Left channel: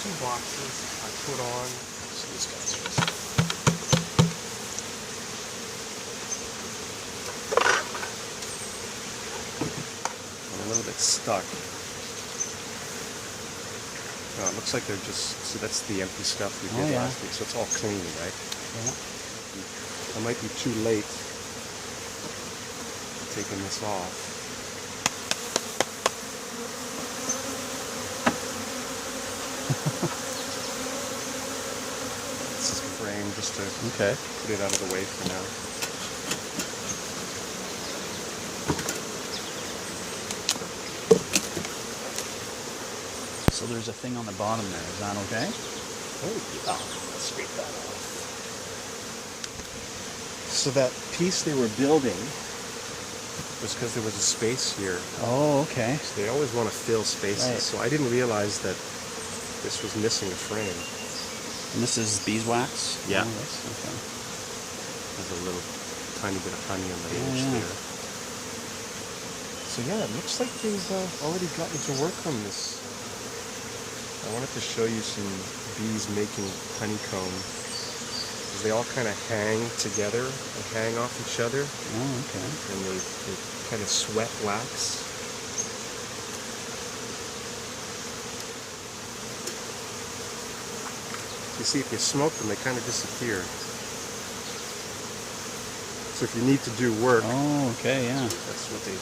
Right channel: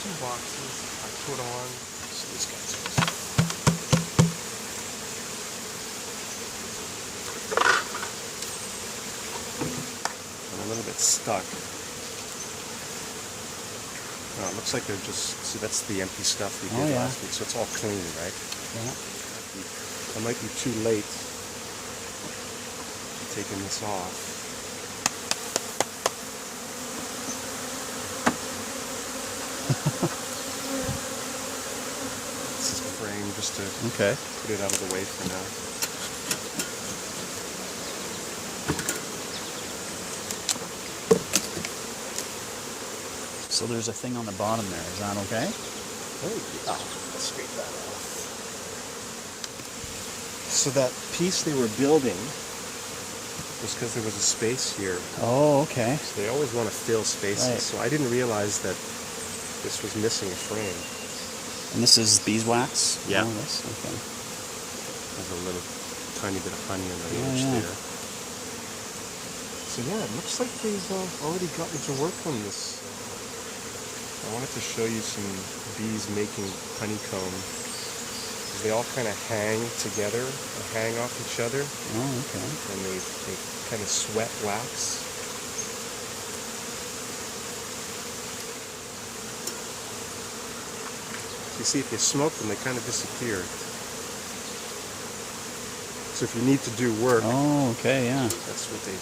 2 boxes I put on. See these guys. I'm a little bit stuck. Oh, it looks like they're just, see, that's the empty stuff we did last week, so it's all clean, right? Yeah. I might be too late taking this off. This is a frame just to put it out of the way for now. So there's a thing on the bottom there. Is that okay? Oh, let's scrape that off. So that piece they were building was because there was a space here. Oh, okay. They always want to fill spaces, Right. so I didn't realize that this was missing a frame. And this is beeswax? Yeah. Oh, this? Okay. There's a little tiny bit of honey in the edge there. So yeah, it looks like they've already gotten to work on this. I wanted to show you some bees making honeycomb. They all kind of hang together and hang off each other. Oh, okay. And they kind of sweat wax. You see, if you smoke them, they kind of disappear. So if you need to do work, oh, okay, yeah. that's what they.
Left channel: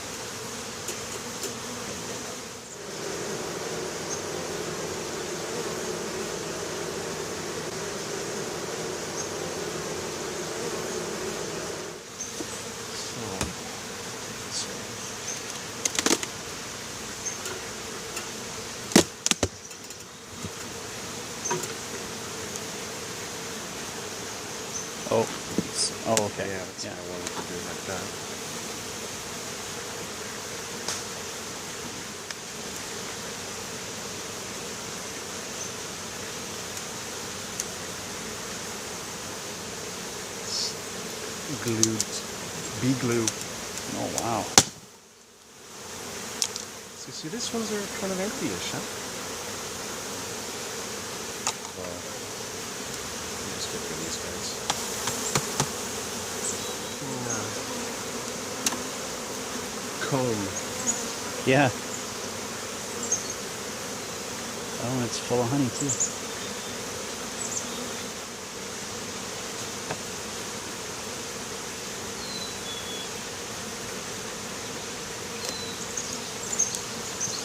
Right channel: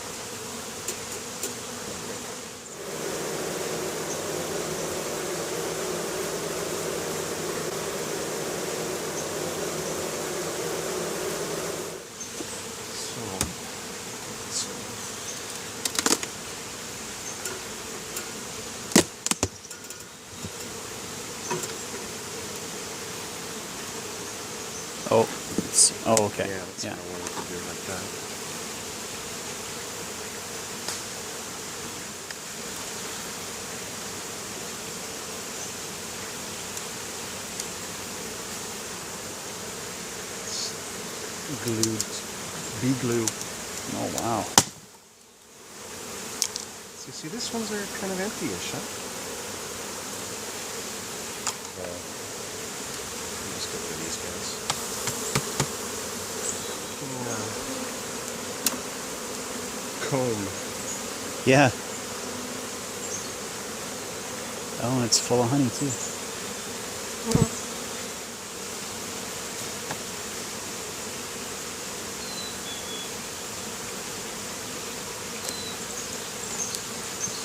Oh, okay. Yeah, that's what I wanted to do like that. Glued, bee glue. Oh, wow. So see, these ones are kind of empty-ish, huh? Let's get rid of these guys. Comb. Yeah. Oh, and it's full of honey, too.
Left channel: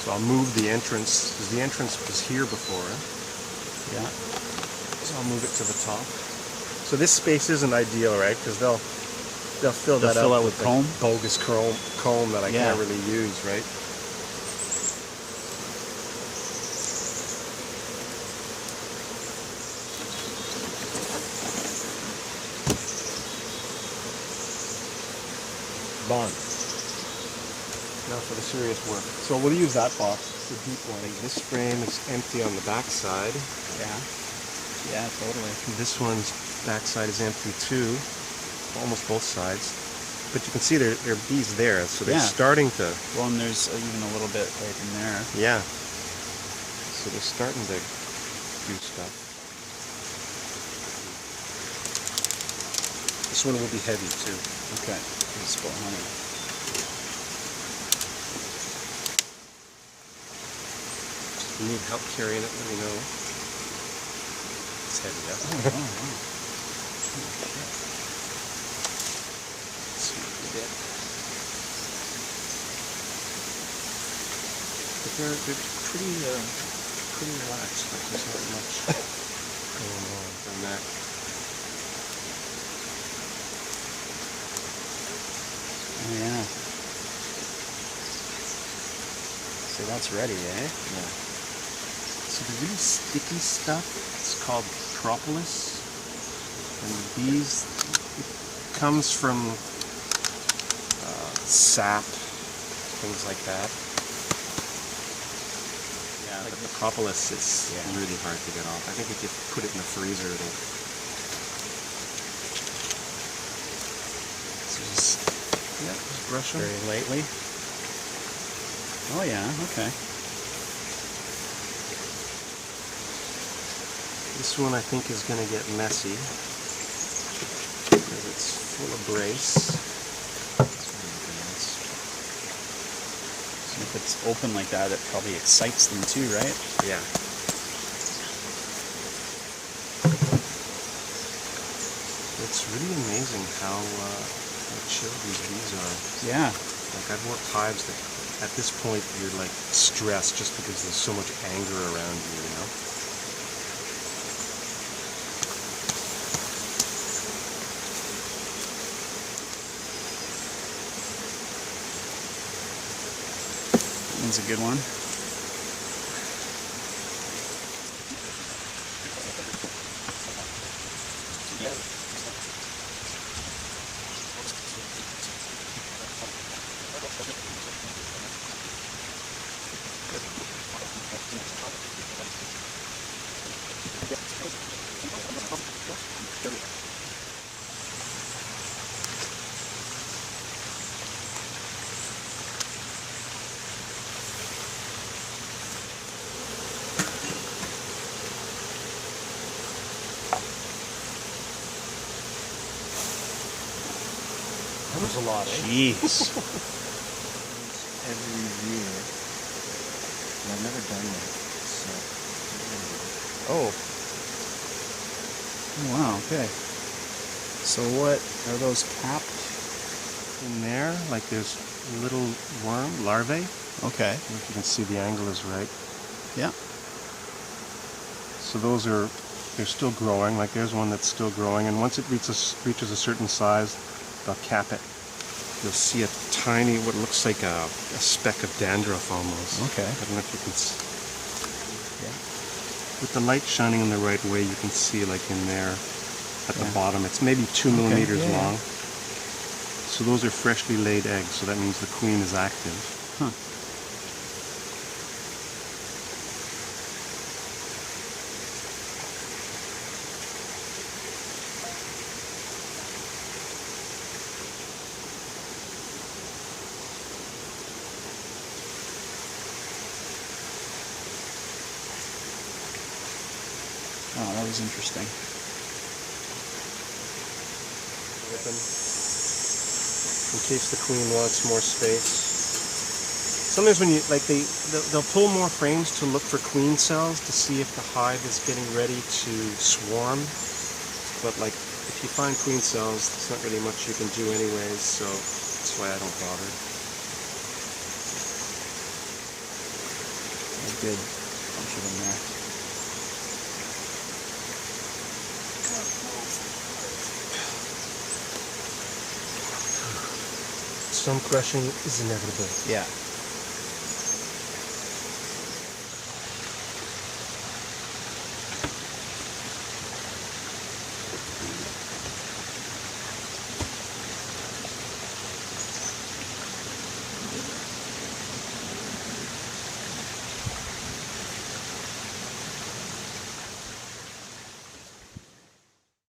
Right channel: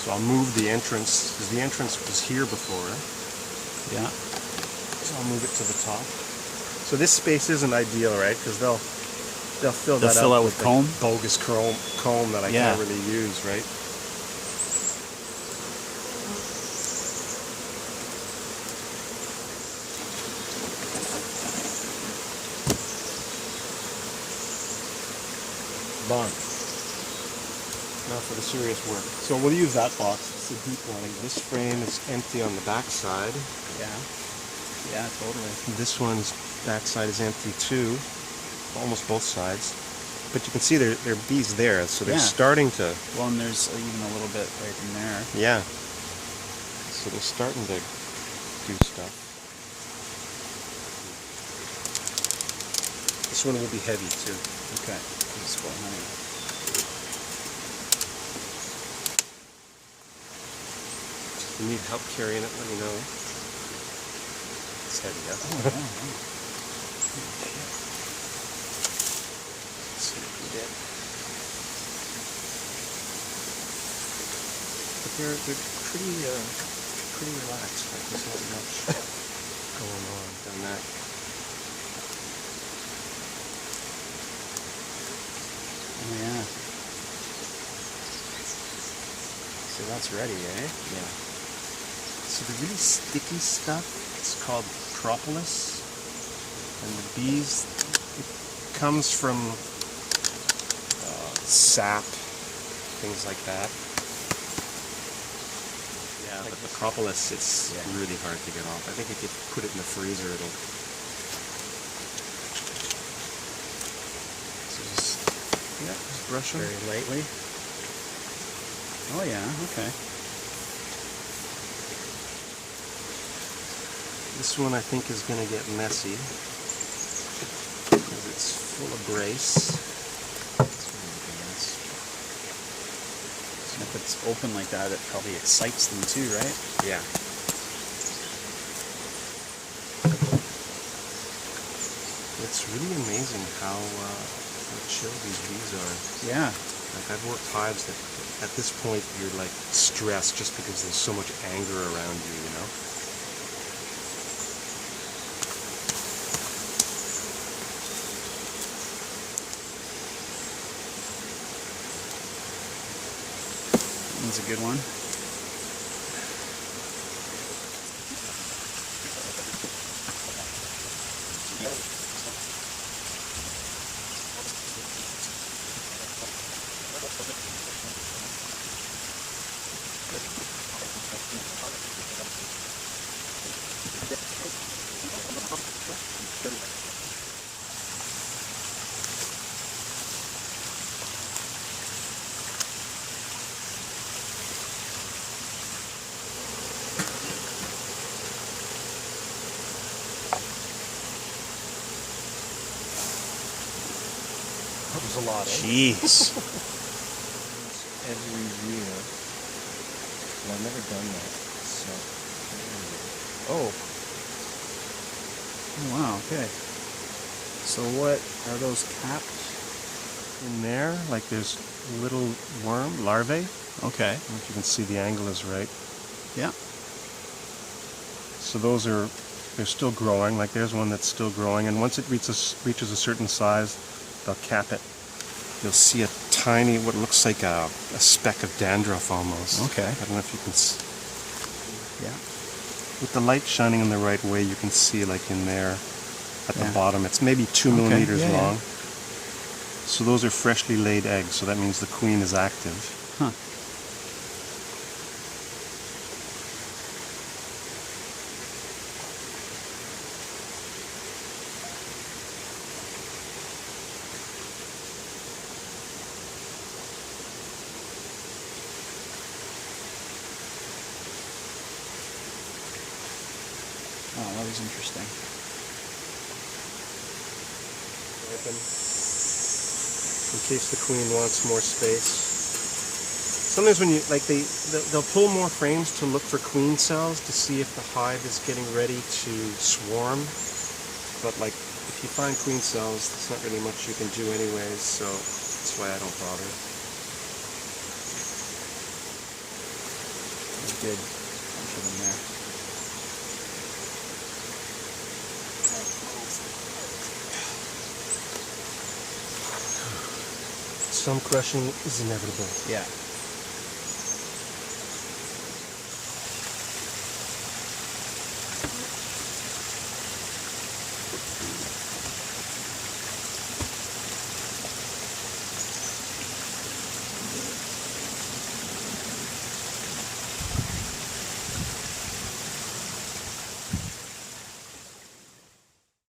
So I'll move the entrance, because the entrance was here before. Yeah. So I'll move it to the top. So this space isn't ideal, right? Because they'll fill that fill out out with comb? bogus comb that I can't really use, right? Bond. Now for the serious work. So we'll use that box. It's a deep one. This frame is empty on the back side. Yeah. Yeah, totally. This one's backside is empty too, almost both sides. But you can see there are bees there, so they're starting to. Well, and there's even a little bit right in there. Yeah. So they're starting to do stuff. This one will be heavy too. Okay. It's full of honey. If you need help carrying it, let me know. It's heavy, yeah. Oh, wow. But they're pretty relaxed. Like there's not much going on that. Oh, yeah. So that's ready, eh? Yeah. So the really sticky stuff is called propolis, and the bees, it comes from sap, things like that. Yeah, but the propolis is really hard to get off. I think if you put it in the freezer, it'll. So just brush them very lightly. Oh yeah, okay. This one I think is going to get messy because it's full of brace. And if it's open like that, it probably excites them too, right? Yeah. It's really amazing how chill these bees are. Yeah. Like I've worked hives that at this point you're like stressed just because there's so much anger around you, you know? That's a good one. That was a lot, eh? Jeez. Every year. And I've never done that, so. Oh. Wow, okay. So what are those capped? In there, like there's little worm larvae. Okay. I don't know if you can see the angle is right. Yeah. So those are, they're still growing. Like there's one that's still growing, and once it reaches a certain size, they'll cap it. You'll see a tiny, what looks like a speck of dandruff almost. Okay. I don't know if you can see. Yeah. With the light shining in the right way, you can see like in there at Yeah. the bottom. It's maybe 2 millimeters yeah, long. So those are freshly laid eggs, so that means the queen is active. Huh. Oh, that was interesting. Open. In case the queen wants more space. Sometimes when you, like they'll pull more frames to look for queen cells to see if the hive is getting ready to swarm. But like, if you find queen cells, there's not really much you can do anyways, so that's why I don't bother. That's good. Bunch of them there. Some crushing is inevitable. Yeah.